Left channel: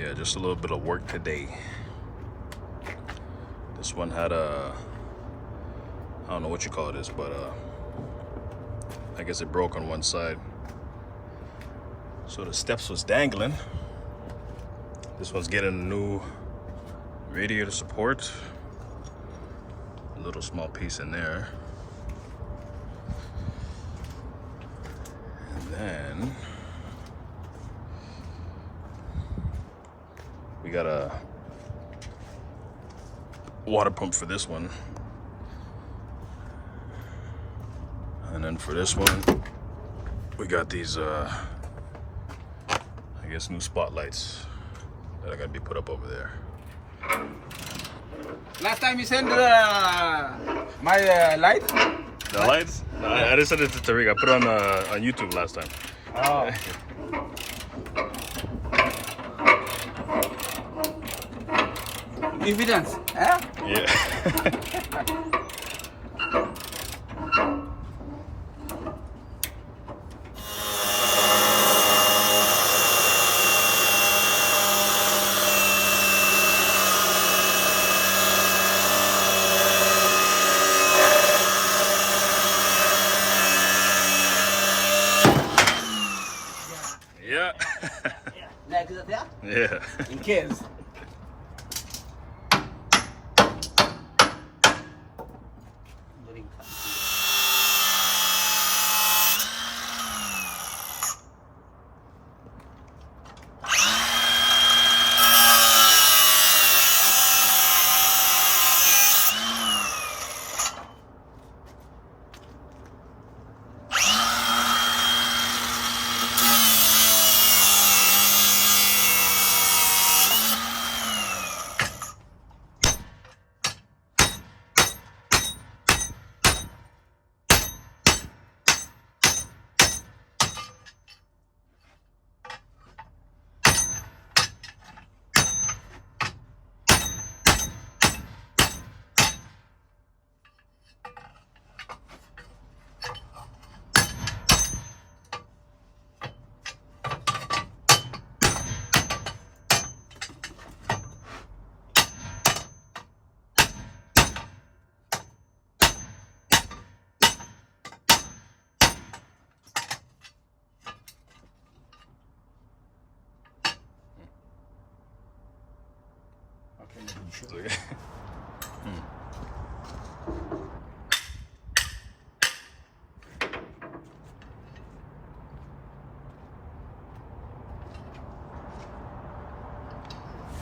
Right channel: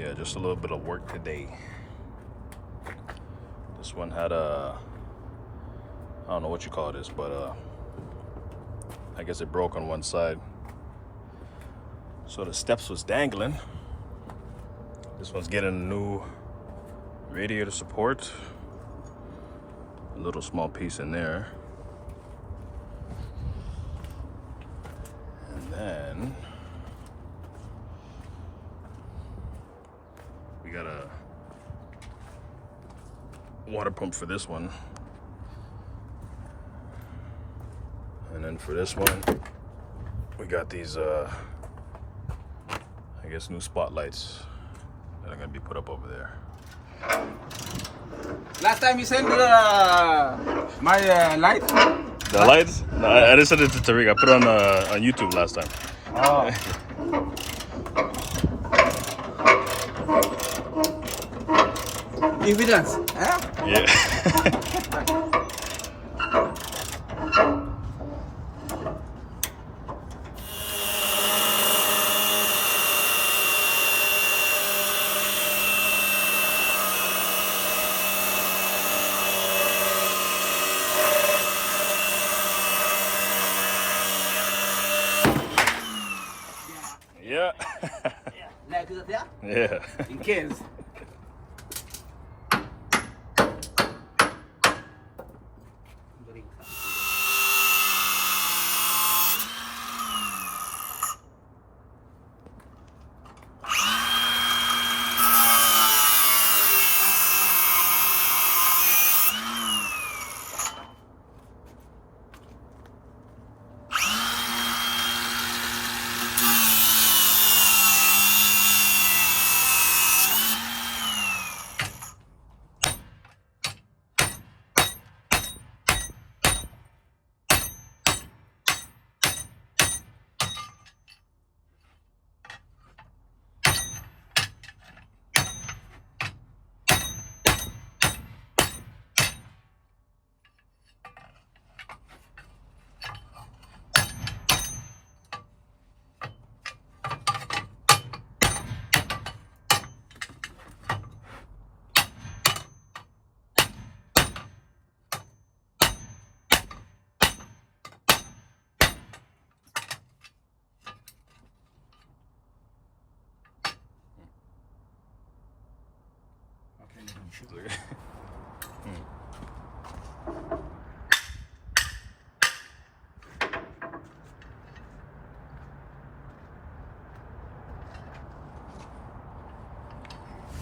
Yeah, just a little bit of work today. This one had a, I don't know what you call this, but I guess it broke on one side. So the steps was dangling. This one's getting a new radiator support. A little small piece in there. And then we got a water pump for this one. And then for this one, we got these, I guess, new spotlights that are gonna be put up over there. Last time you sent my light? The lights? No, I didn't send it to Tariq. I put it on YouTube last time. Oh. Evidence, eh? Yeah. Yeah. Yeah. Like that, yeah? Yeah. In case.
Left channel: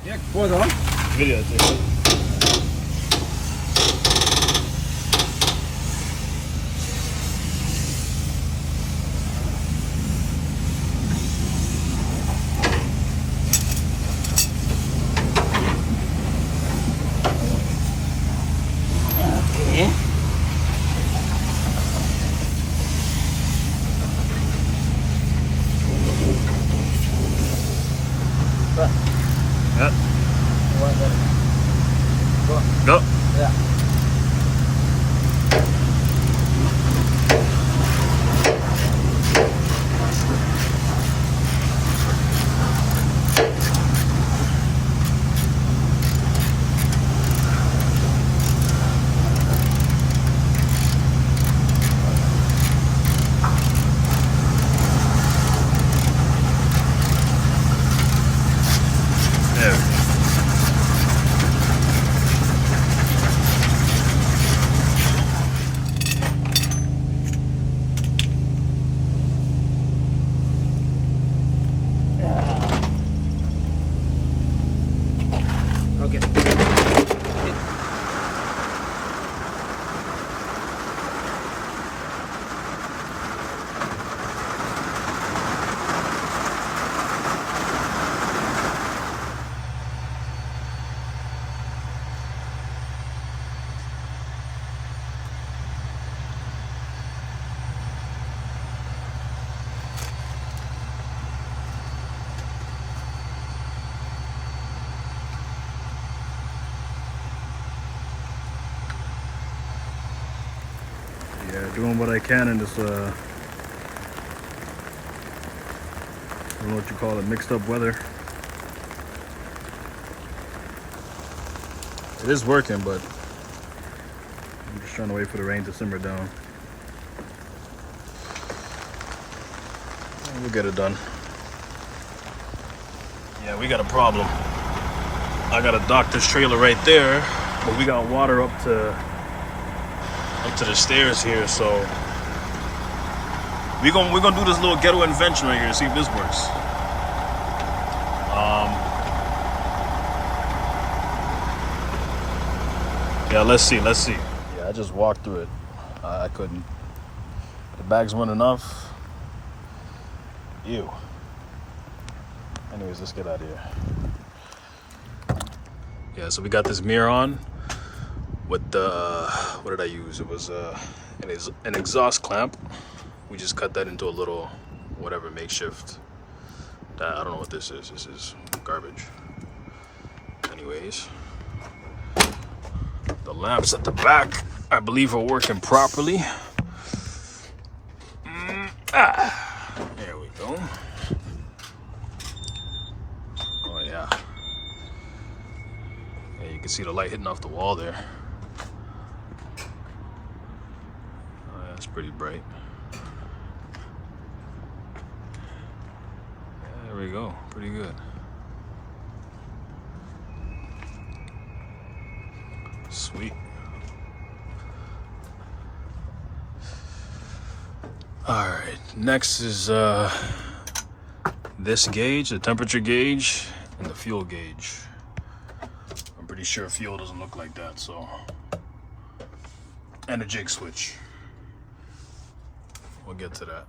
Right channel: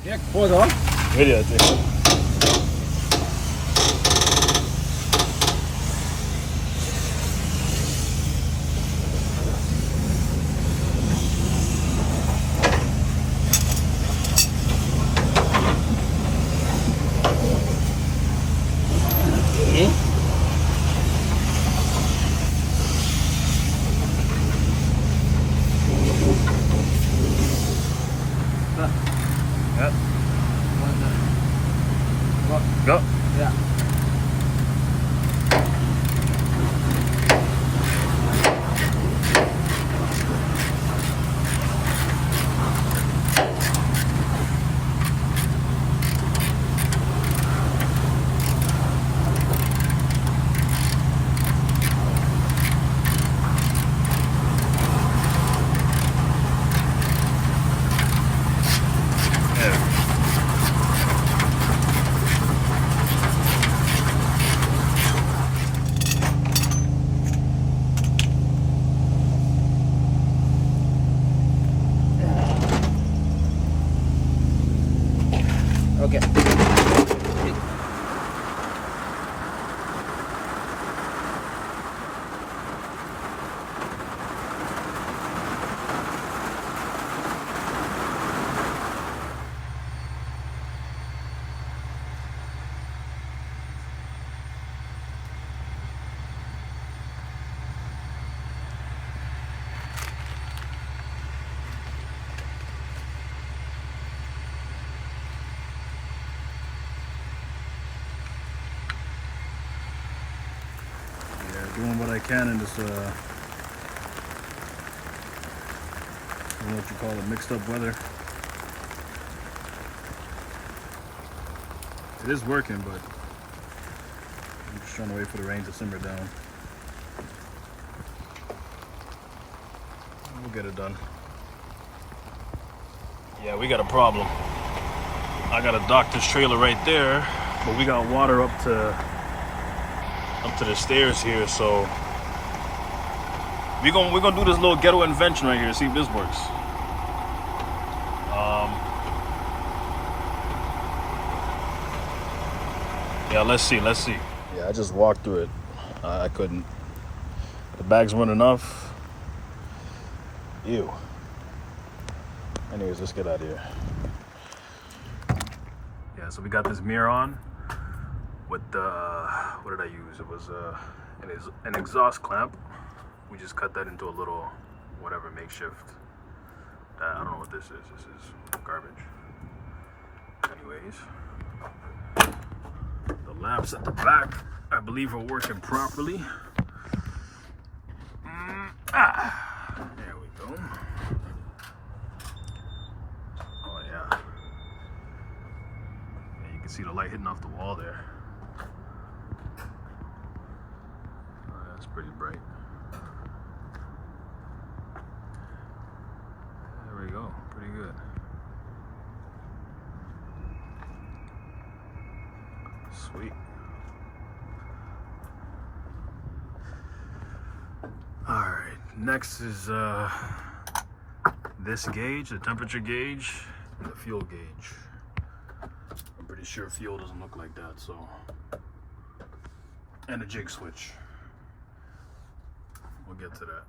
Jak photo? Video too. Yeah. Go. Yeah. There we go. Okay. Doing what I can in this, I don't know what you call it, mixed up weather. It is working, but I'm just trying to wait for the rain to simmer down. We'll get it done. Yeah, we got a problem. I got a doctor's trailer right there, but we got water up to the stairs here, so we're gonna do this little ghetto invention right here, see if this works. Yeah, let's see. Yeah, I just walked through it. I couldn't. The bags weren't enough. Ew. Anyways, let's get out of here. Yeah, so we got this mirror on with the, what did I use? It was an exhaust clamp. We just cut that into a little, whatever, makeshift. I don't know what this is. This is garbage. Anyways, the lamps at the back, I believe, are working properly. There we go. Oh yeah. Yeah, you can see the light hitting off the wall there. Oh, yeah, it's pretty bright. There we go. Pretty good. Sweet. All right, next is this gauge, the temperature gauge, and the fuel gauge. I'm pretty sure fuel doesn't look like that, so. And a jig switch. We'll get to that.